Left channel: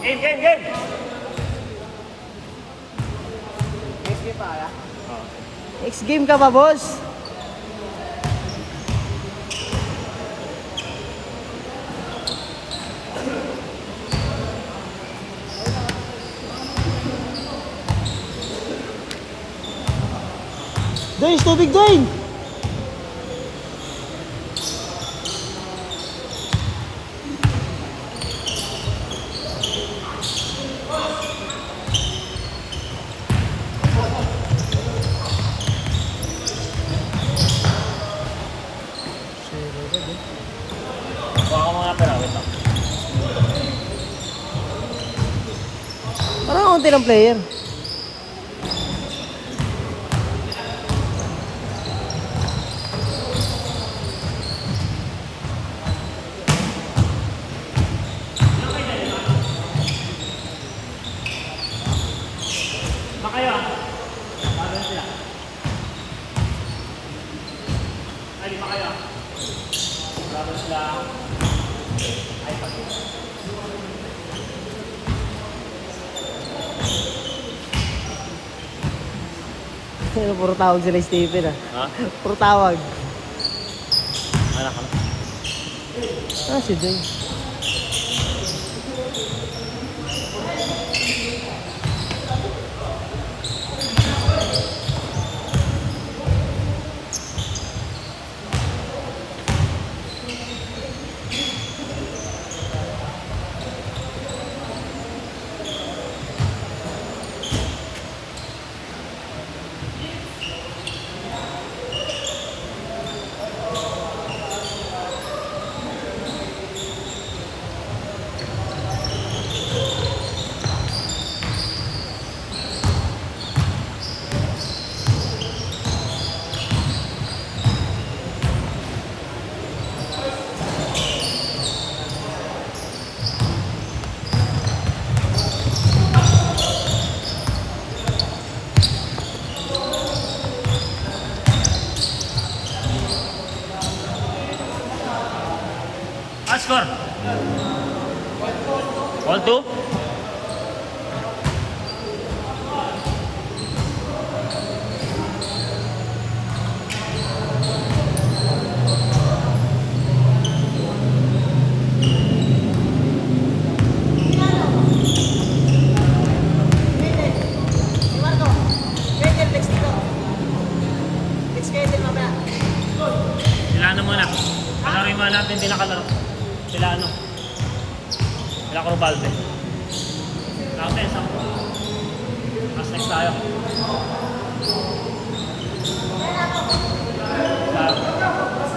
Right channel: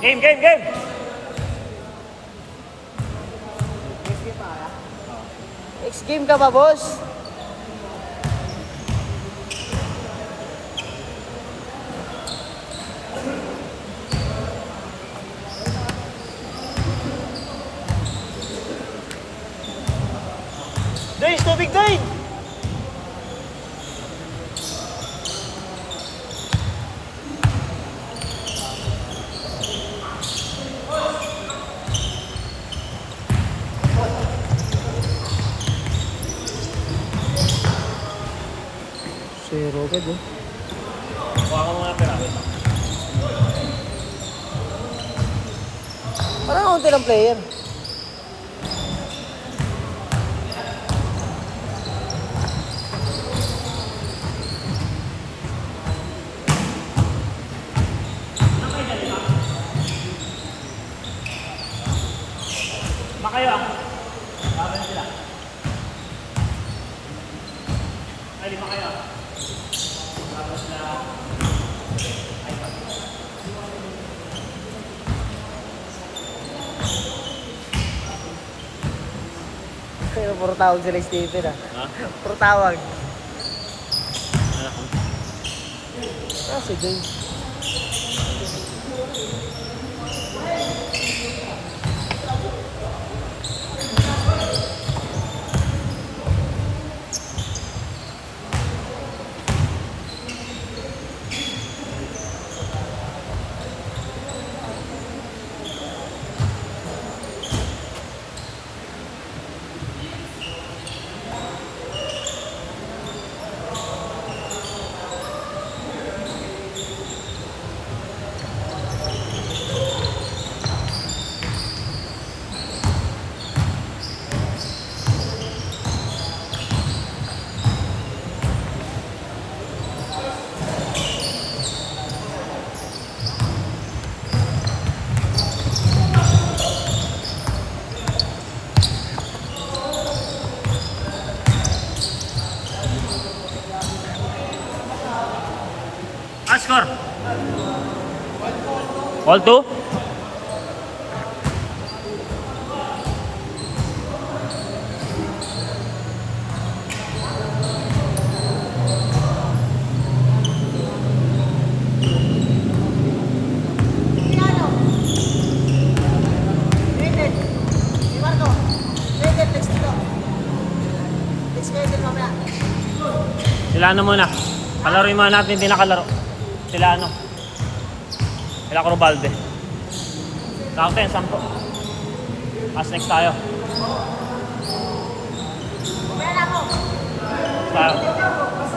Game, game, game! Next game pa kaya? Oo. Next game ka ba, boss? Dres, tubig doon! Zero ka doon. Baka ko mga pala, wait lang. Parang konti ng player. Ay, lima kayo. Laro sila. iPad. Puro tawag si Ray Stephen ah. Ha? Puro tawag. Wala ka na. Ano si Jim? Score! 1-2? Sila ano muna? Palaroin muna natin, hindi nakalaro. Sila ano? Sila Crubalde. Kape, sakto. Aztec tayo.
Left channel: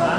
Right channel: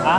Ha?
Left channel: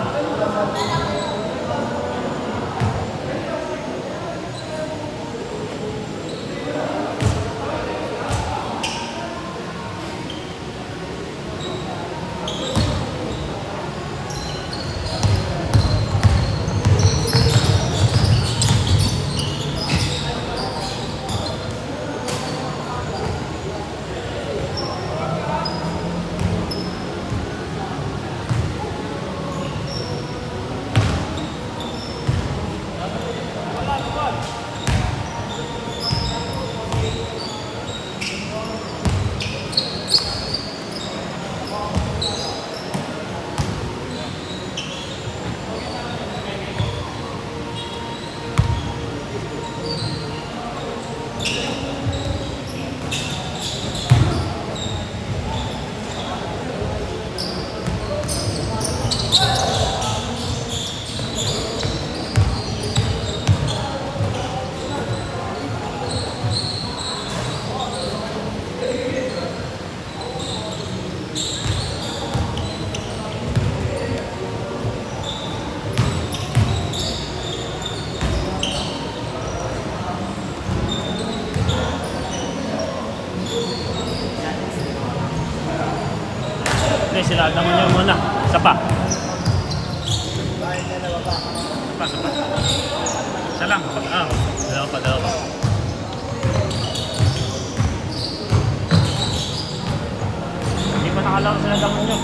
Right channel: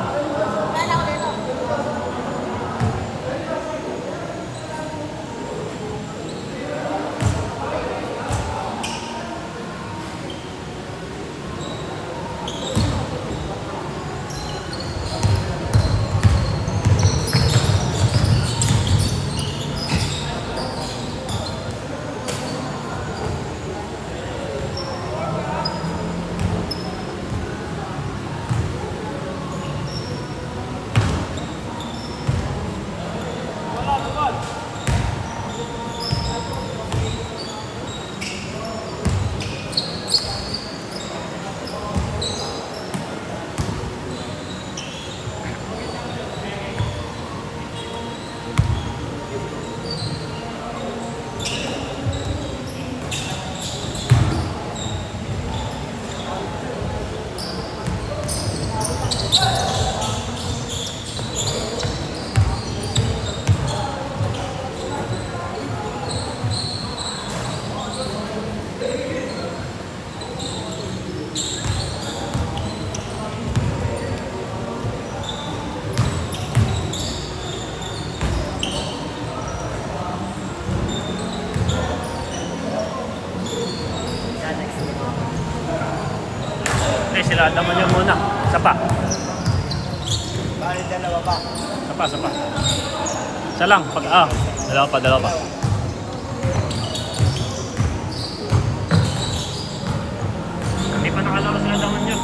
Isa lang, dalawa pa. Hindi pa nakalaro sila naman dyan.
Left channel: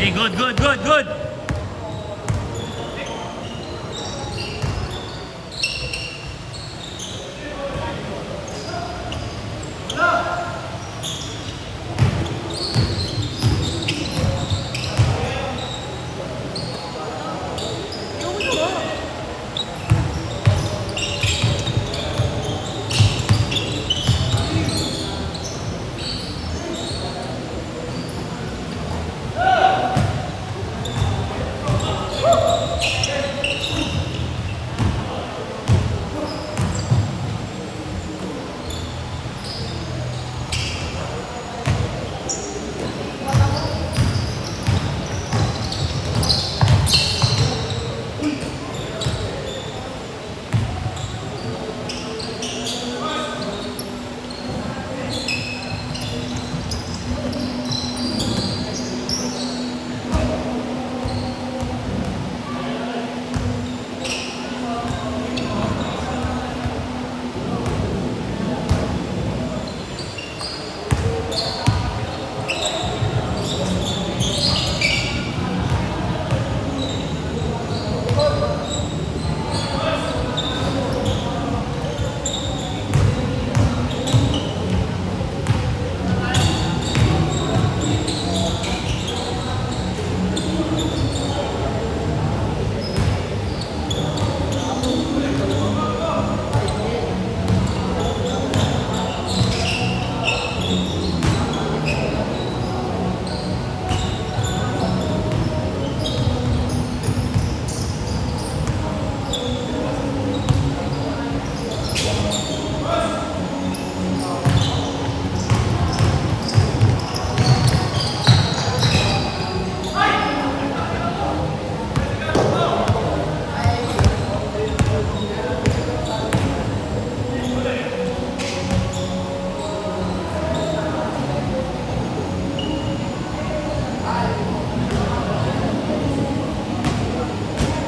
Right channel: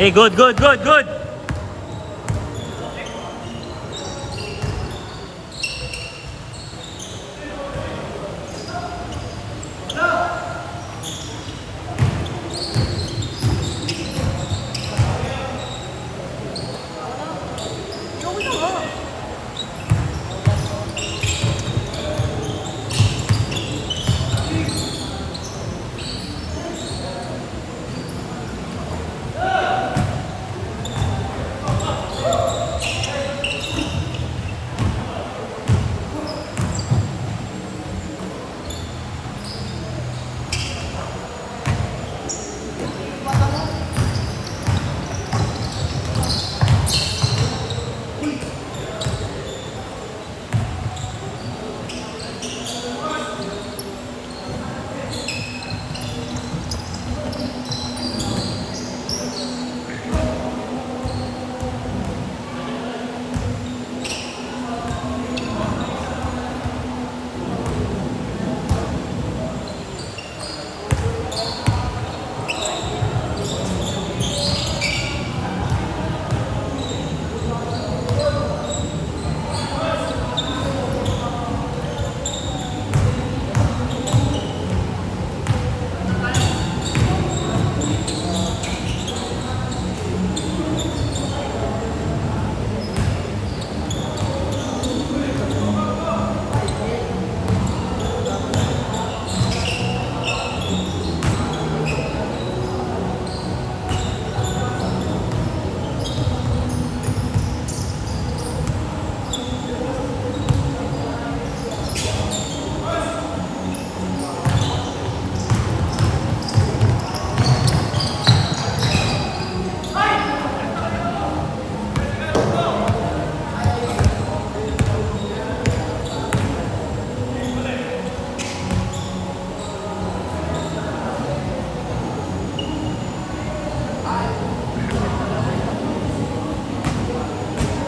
Hey, good, good, good, good.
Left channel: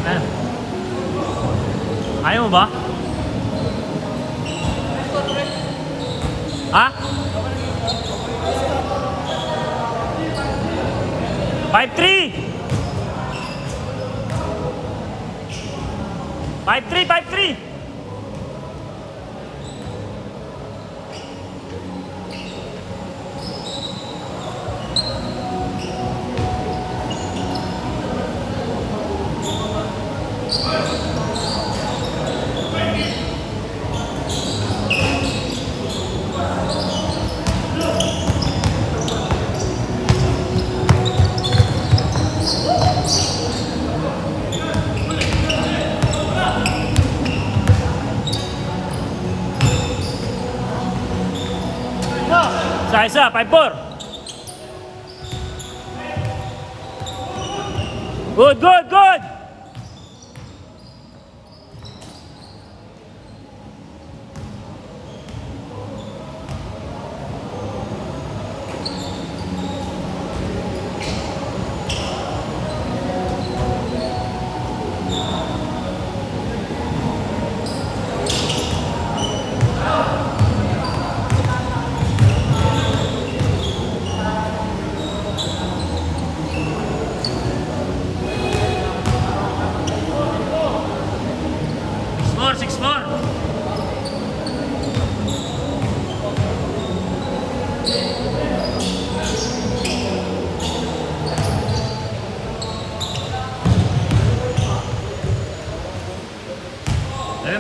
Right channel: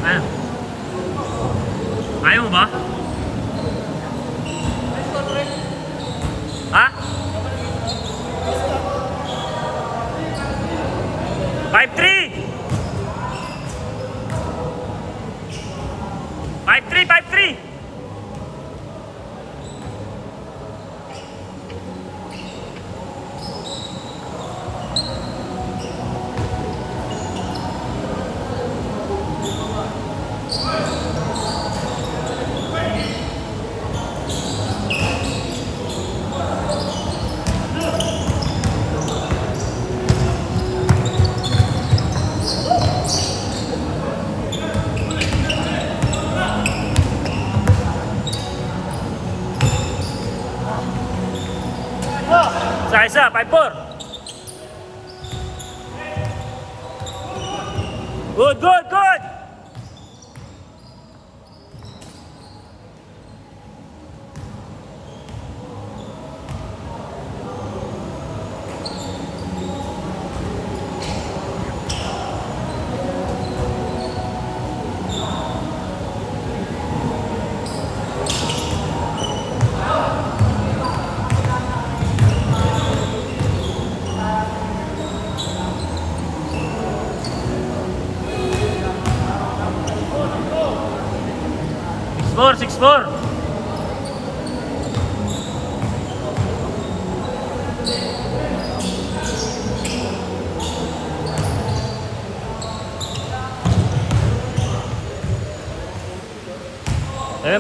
Ano? Ayaw mo ba? Ha? 5-3! 5-3! 5-3! Isa, 5-4. Good, good, good. Score, 6-4.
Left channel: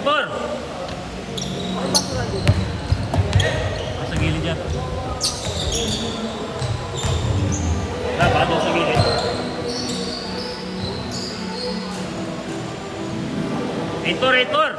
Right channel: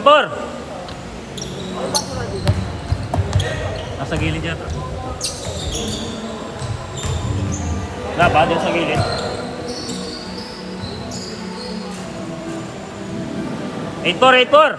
Por. Sa gilid yata. Dapat sa gilid. Eight-four.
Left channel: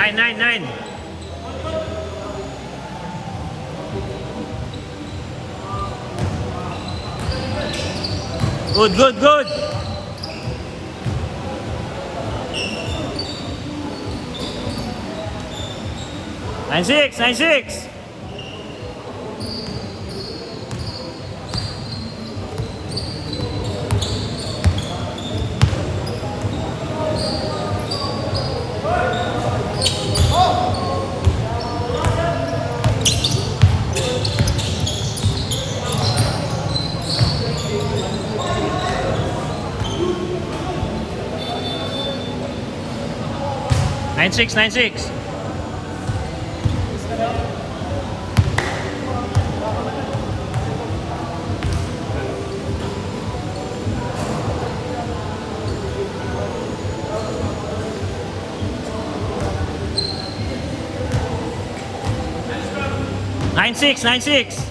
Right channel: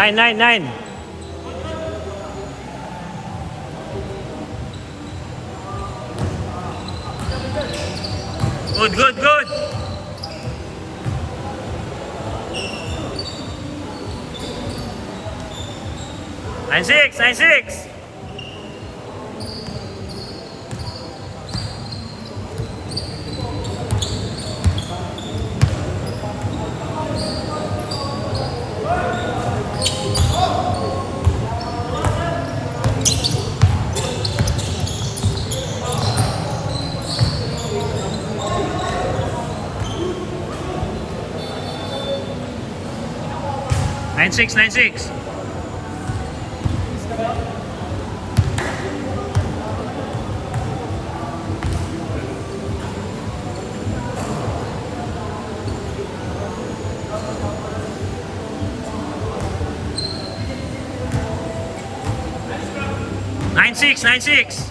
9, 9, 9. Good, good, good. 9-6, 9-6. Nine six, 9-6. Nine six, 9-6.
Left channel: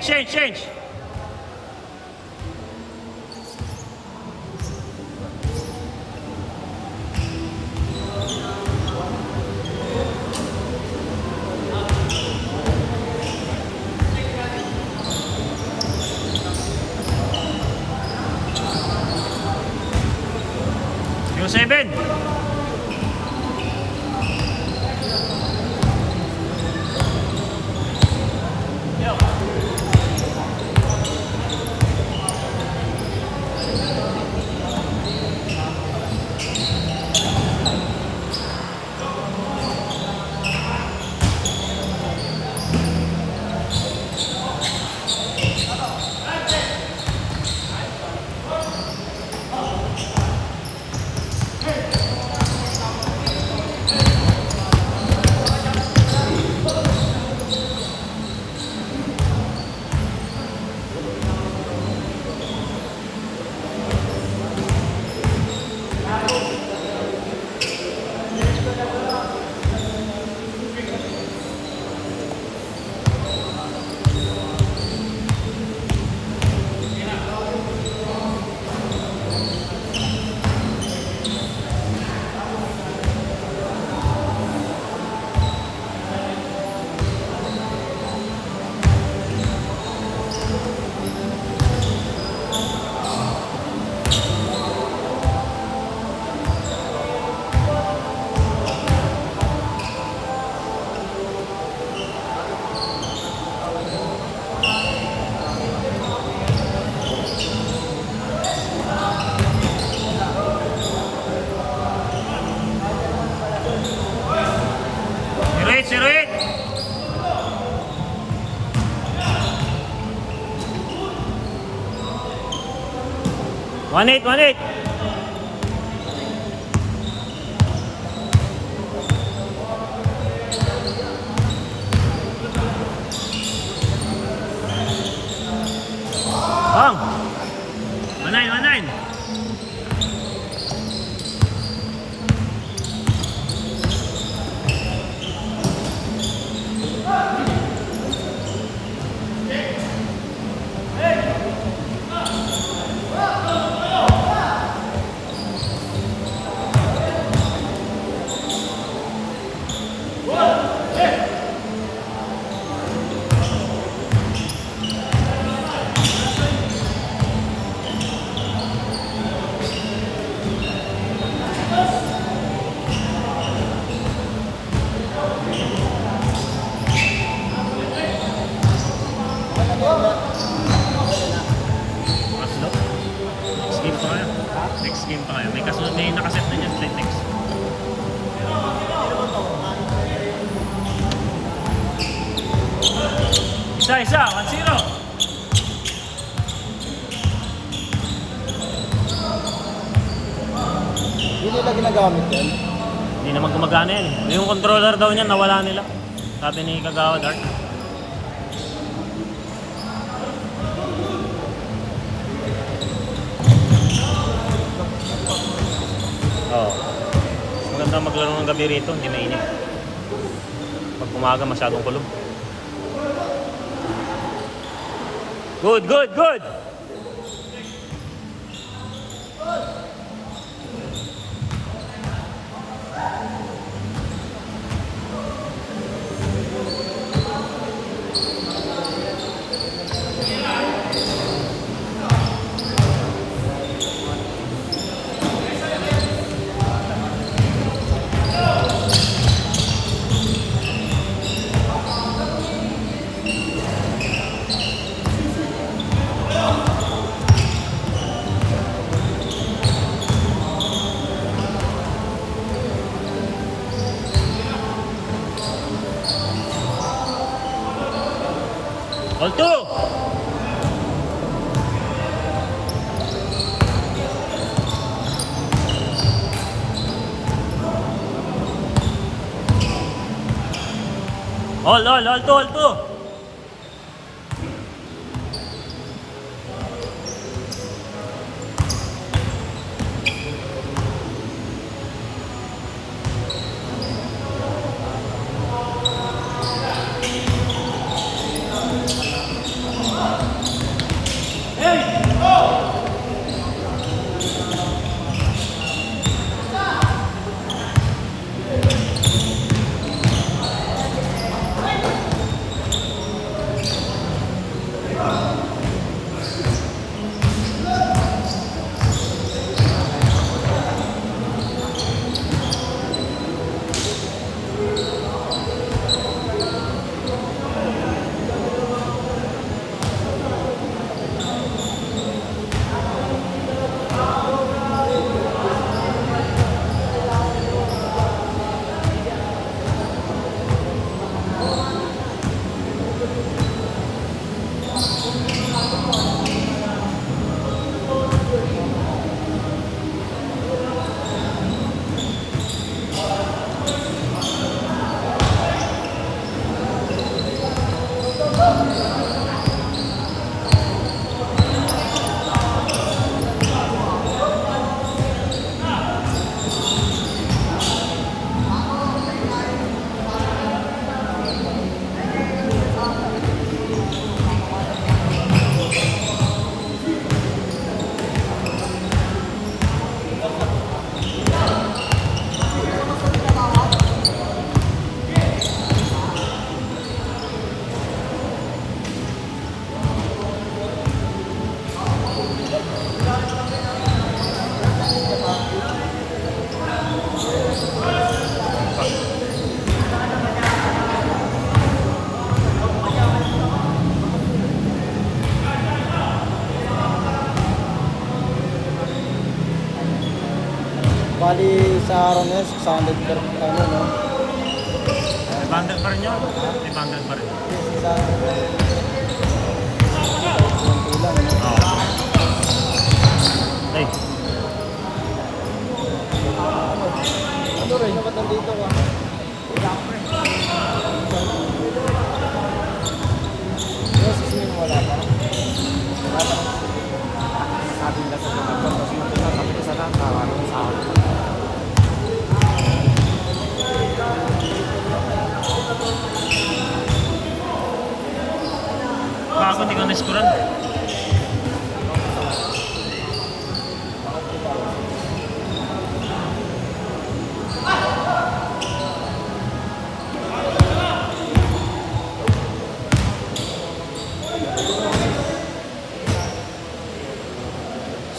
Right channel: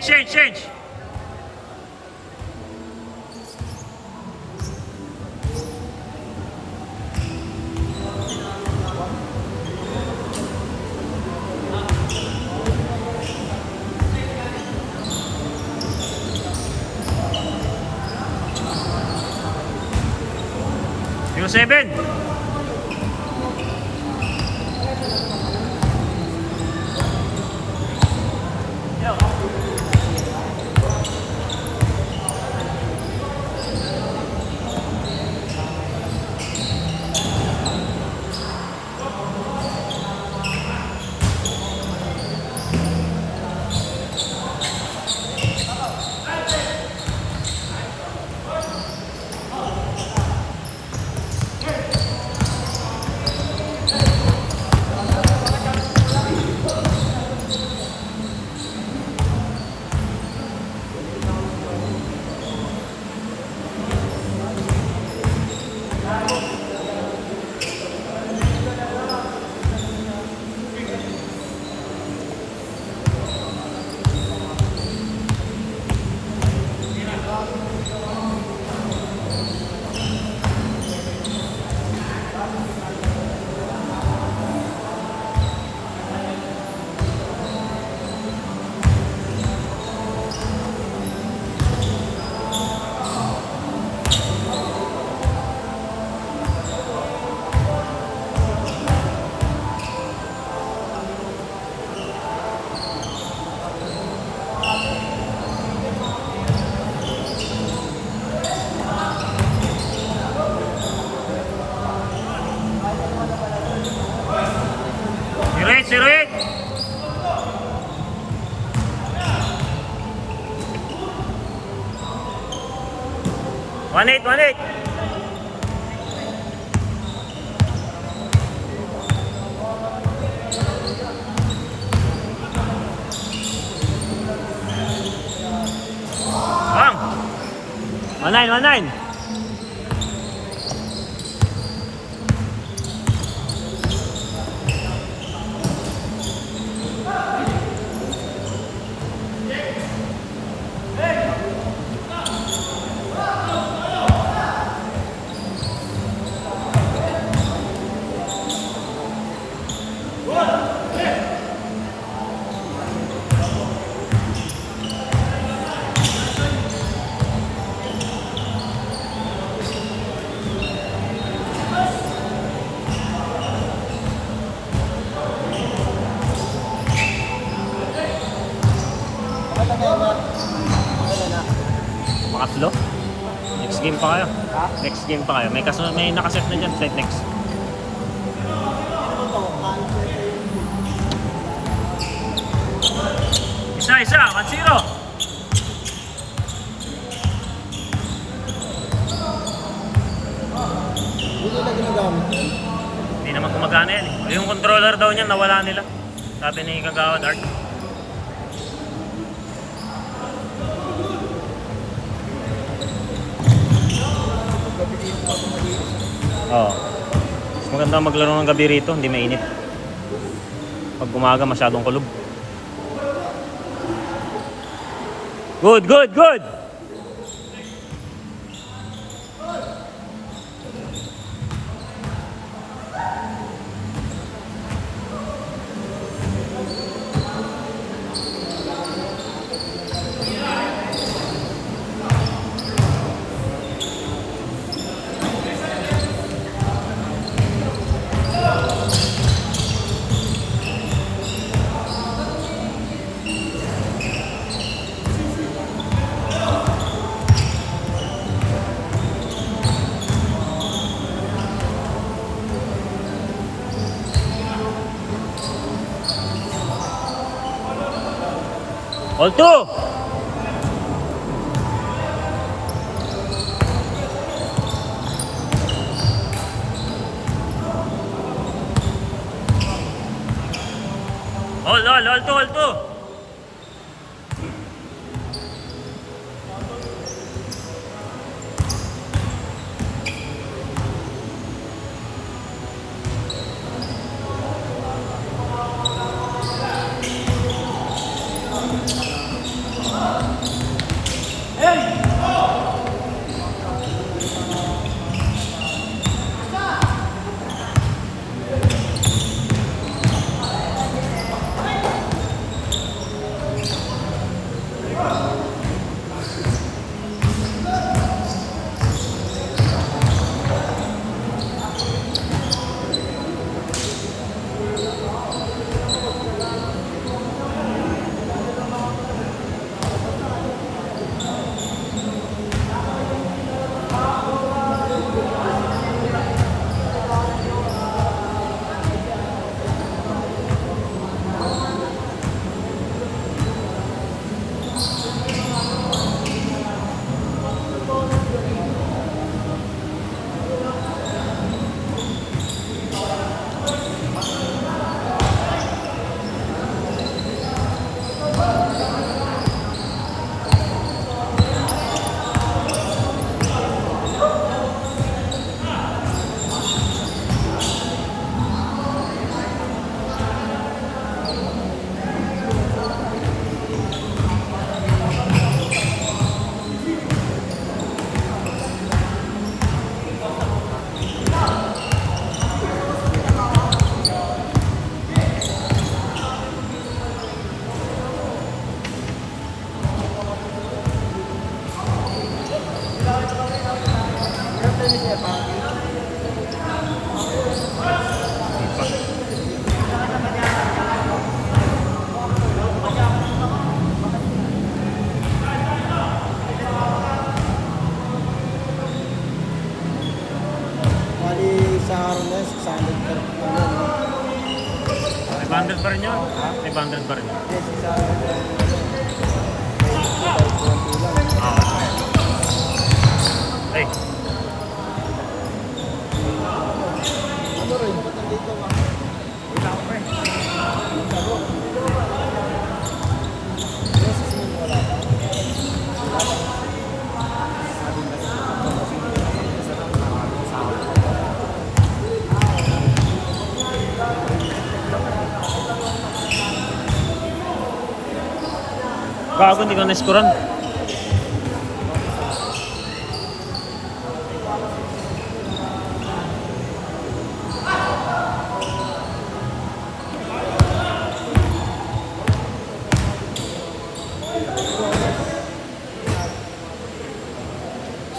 Change. 0-7. Zero eight. One eight. Bang. 1-9. Makatlo. Next game pa kayo. May nakaset na dyan. Set next. Isa. 1-0. Hindi nila ginagamit yan. Hindi naman gumagana yan eh. Yung controller daw niya nawala nila. Sabi ni Kagawa Dark. Maganda maglaro ng gabi rito, hindi mainit. Pag umaga masyadong kulog. Good, good, good. All two. All two, all two. Bali sa araw na yun, 600 per ano. 500 pa rin yun. 500 pa rin yun. Oo. Ay. Ay, dapat nandito ba? Yes, sin wala pa. Wala pa. Sabi ka sa pagkakas mo, sabi ka sa kanta. Bago hindi ka na-scorean.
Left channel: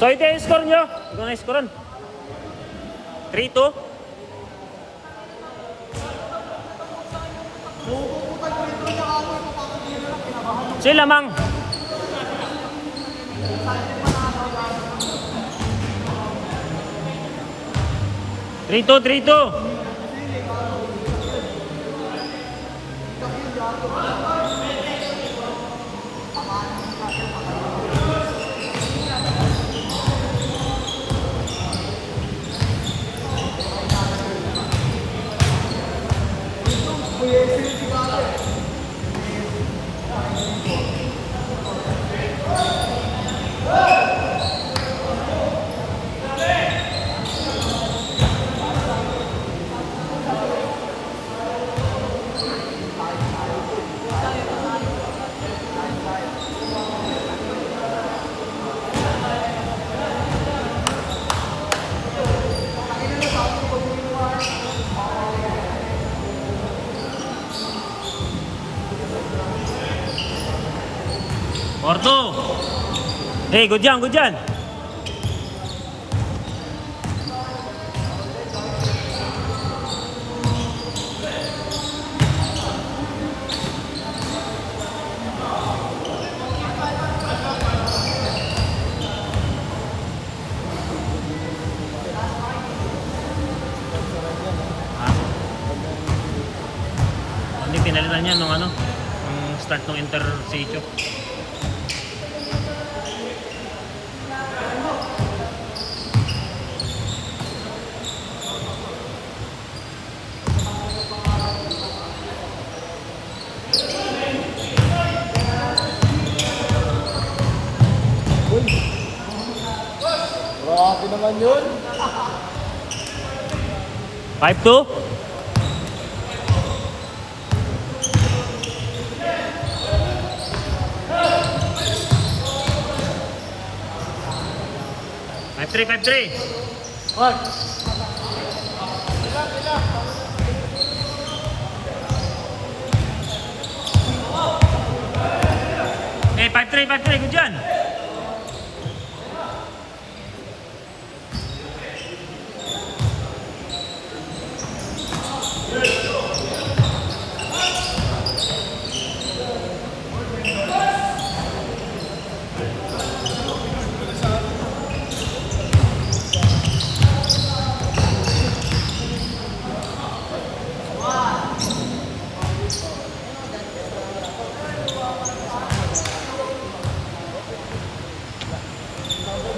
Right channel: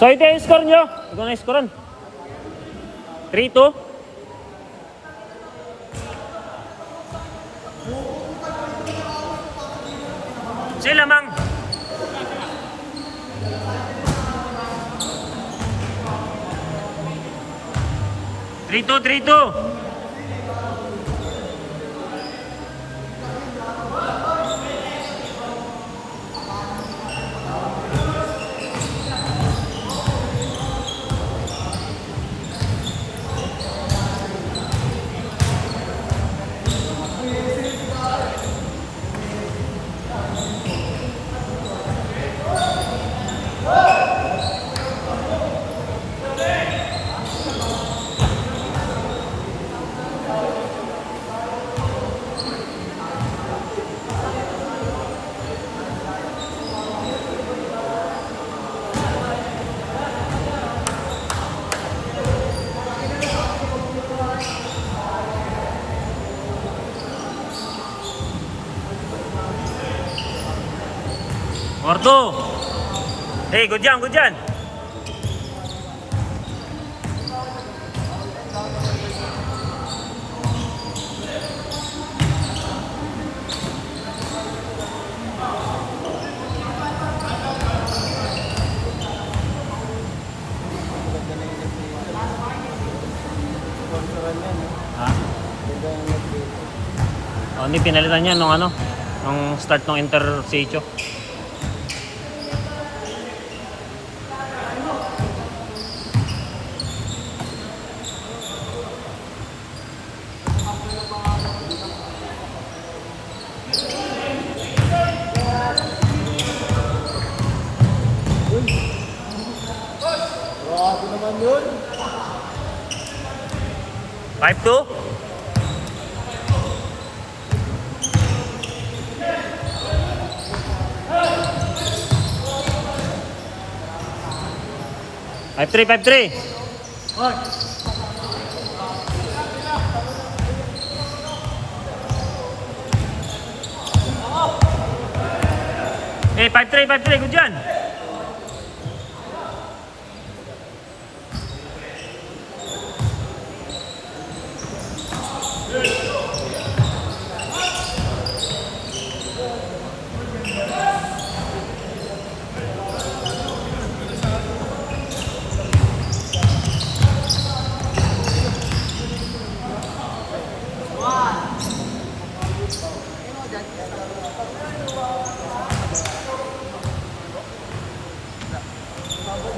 So ito yung score nyo. Ikaw na scorean. 3-2. Sila mang. Trito. Orto. Hey, good yan, good yan. Ha? Oh, hindi pinalitan niya nung ano, nung start ng Intersatio. Grabe naman yun. 5-2? Five three, 5-3. Eh, 5-3, 5-3, good yan.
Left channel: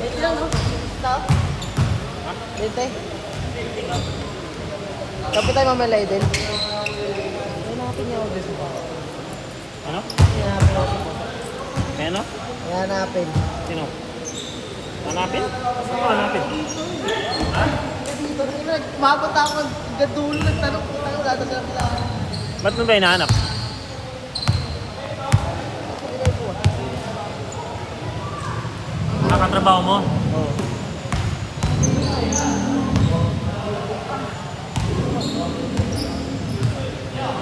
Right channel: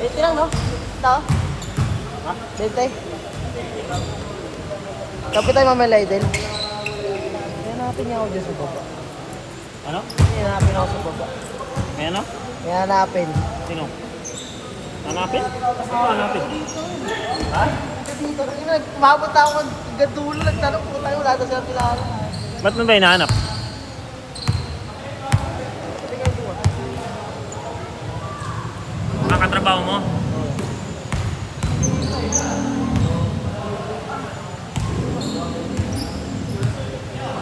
Dito yan, no? Ito? Dito eh. Kapit tayo mamaya din. Ano? May ano? Hanapin. Sino? Hanapin? Sino hanapin? Ha? Mabot ako ng gadulo. Nagtanong ko tayo. Dadagyan ko ako. Ba't mo ba hinahanap? Mga katrabaho mo?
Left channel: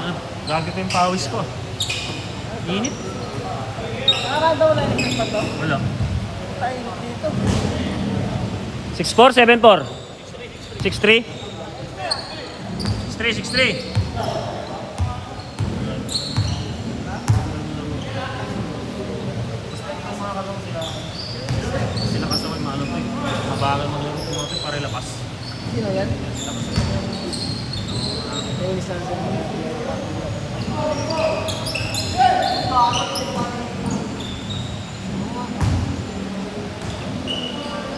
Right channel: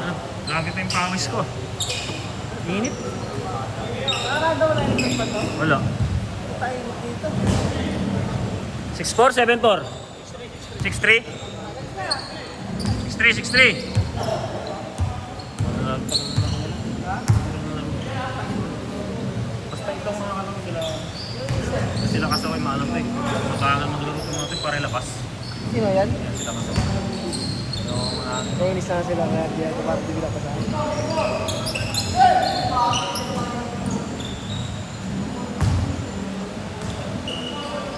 Ah, grabe pa yung pawis ko. Init? Wala. 6'4", 7'4"? 6'3"? 6'3", 6'3". Basta itong mga kalong sila kasaway maano to eh. Mabagal maglaro ko mga to para ilapas. Sino yan? Yan sila kasaway. Yung mga Nailis na sila.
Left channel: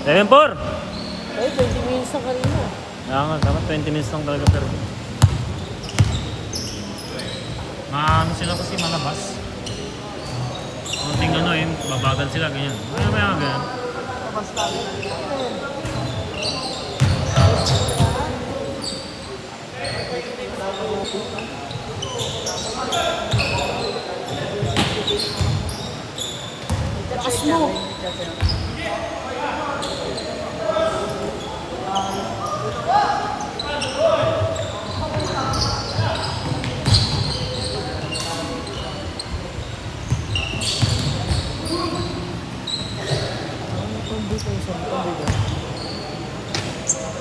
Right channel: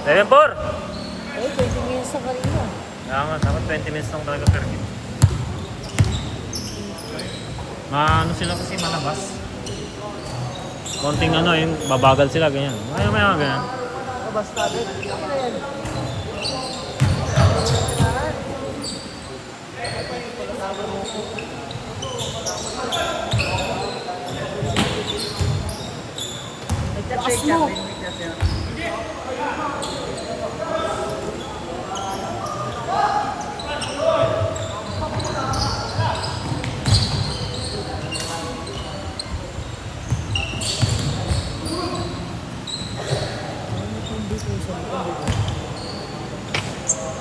Level 4! Ay, 20 minutes na kanina. Naman, 20 minutes lang talaga pero maano sila kasi malabas. Konting ano, yung mabagal sila, ganyan. May ganyan. Basta. Lakas mo!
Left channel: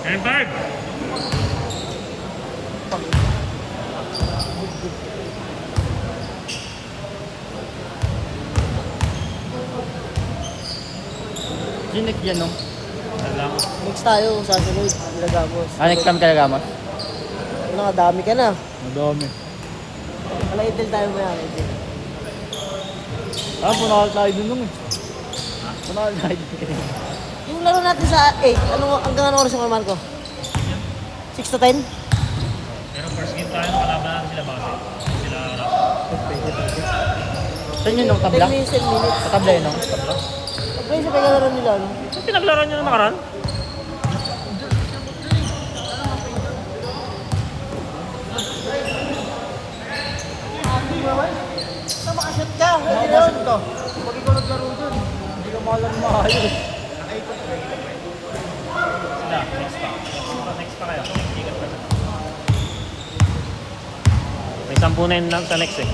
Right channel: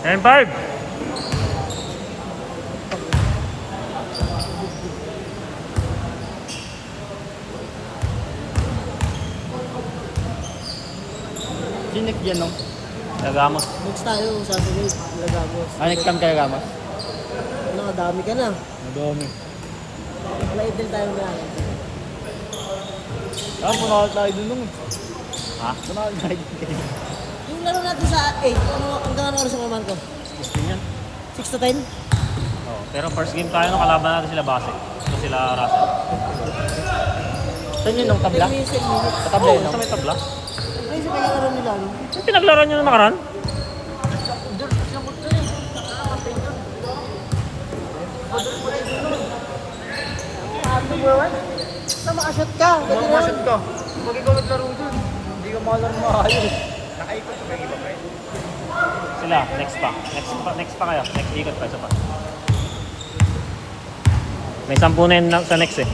Empire! Dinig yan, no? Nagamos. Next tayo sa sunod. Nilagamos. Next time ka nagamas? Ano, dami ka na. Ang dami. Wala itil tayo may akin. Sumawal tayo dun eh. Ha? Sumawal tayo dun kayo. Yung laro natin sa 8, hanggang ano oras yung kalaman ko? 6 to 10? Pero first game tayo, kalaban natin sila base. Sila Rasta. Saan yun nung 10 minutes, 10 minutes. Tabla yun. Tabla? Kaya sa pagkakaroon nila, ano? Pinaglaro nyo na makaran? Makashoot ka! Mamasat ka. Pag ikaw naglaro dun, hindi ka mo makakayos. Sila, next pa. Next pa kaya. Ikot pa siya pa. May 10 na yun lang sa next eh.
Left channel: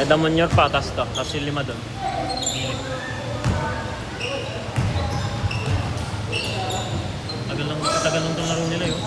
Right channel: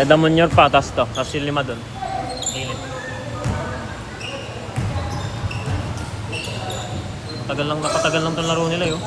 Dadamon nyo pa, tapos to. Tapos yung 5 dun. Gilid. Patagal lang itong laro nila yun.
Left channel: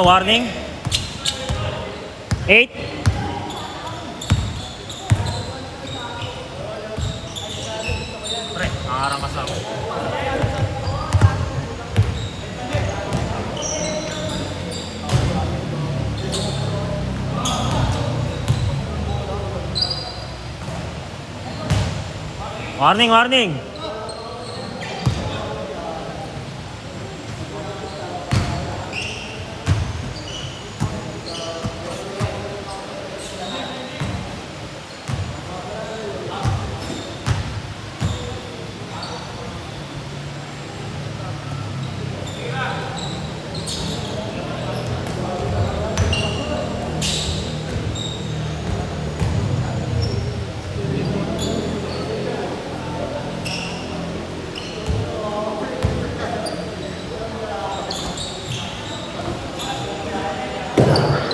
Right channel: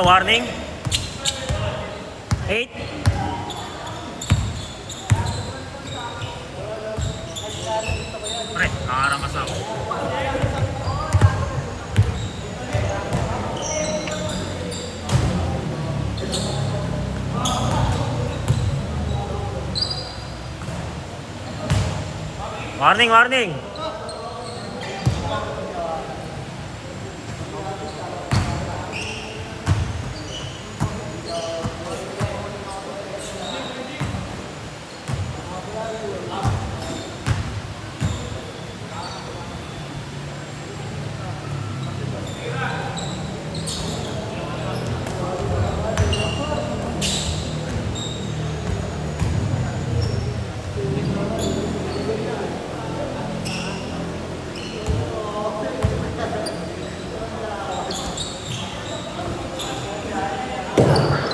Warning. 8. Pre, nakaramas ako. Warning, warning.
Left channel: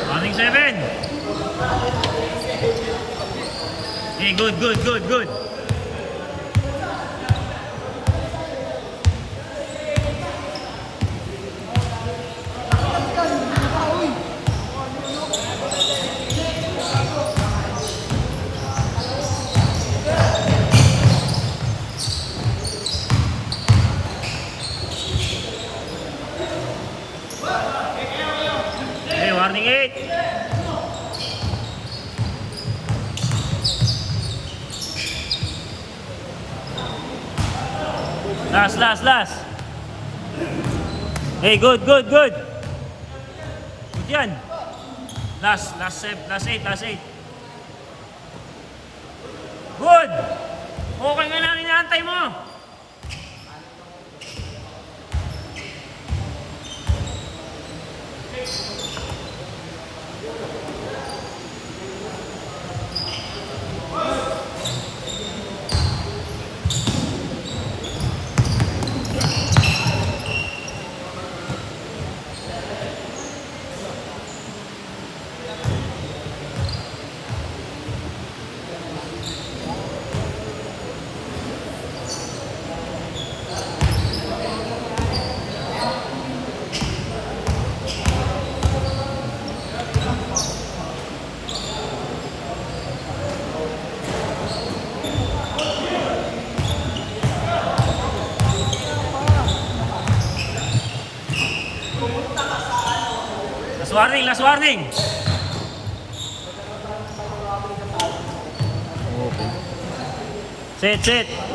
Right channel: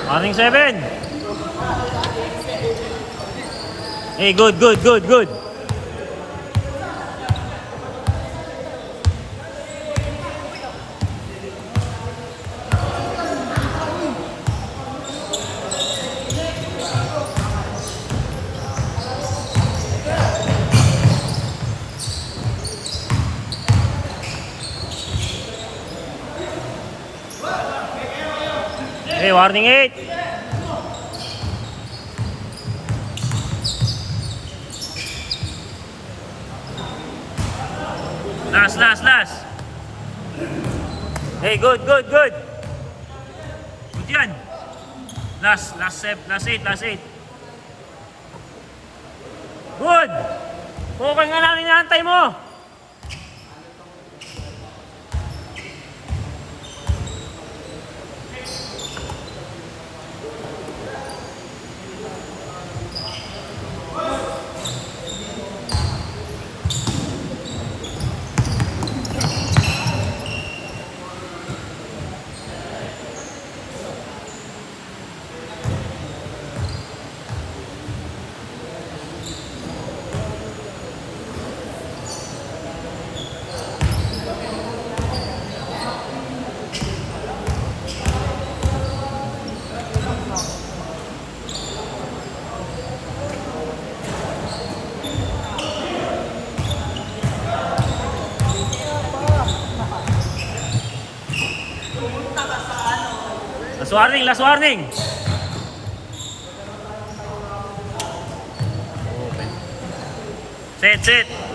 Warning 7. Hey, good, good, good, good. Hey, warning 8. Last. Hey, good, good, good. Good yan. Last 8. Good. Okay nga lang, inaantay mo. Last warning. Sit.